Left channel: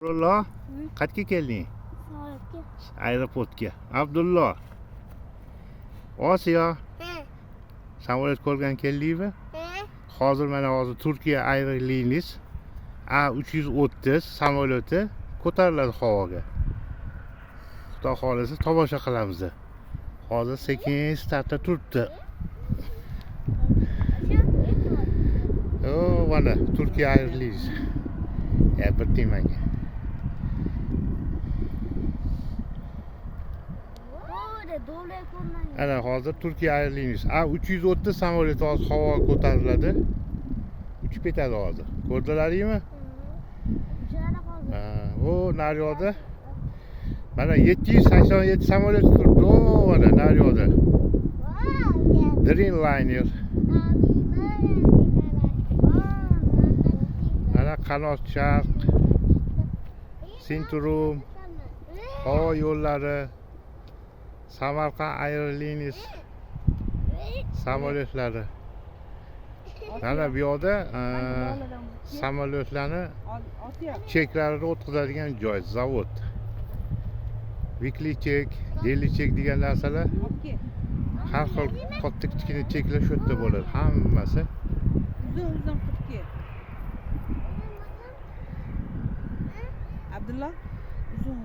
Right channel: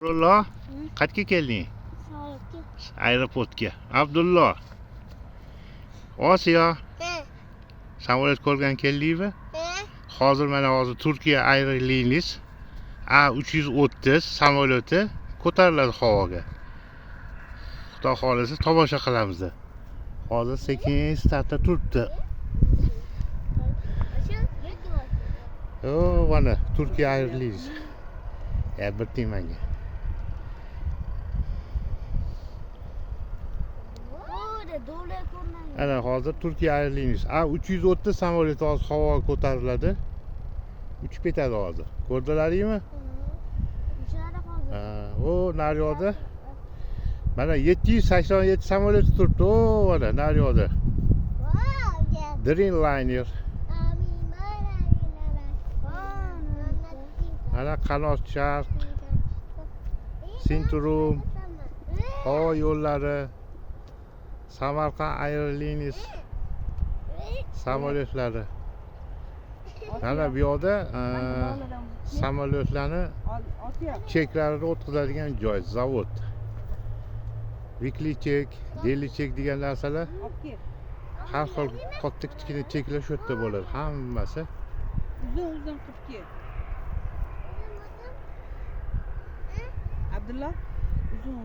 Abdullo, qayerga kelding? Samolyotga. Aeroportga. Abdullo, Osiyo, samolyot ko'rgan keldingmi? Hozir Turkiya Airlines A330 samolyoti ko'tariladi havoga. Xudo xolisa tomosha qilamiz. Hozir sekin startda turibdi. Mana Turkiya Airlines. Bir timanga. Ana hozir Turkiya Airlines A330 samolyoti hozir havoga ko'tariladi. Uchib ketadi hozir. Ko'rdilaringmi? Nari yoqda. Mana 787 samolyot turibdi. Mana nari yoqda. Dreamliner. Mana qanot sharq, Sintrum, havo yo'llari, Samarqand Airlines samolyotlari. Mana bu yoqda samolyotlarni cheklarini o'tkazadigan joy, zavod. Weekly check, daily check degan narsalar har xil katta kichkina cheklar shu yerda bo'ladi, hammasi. Uzun Turkiya. Abdulla, uzun.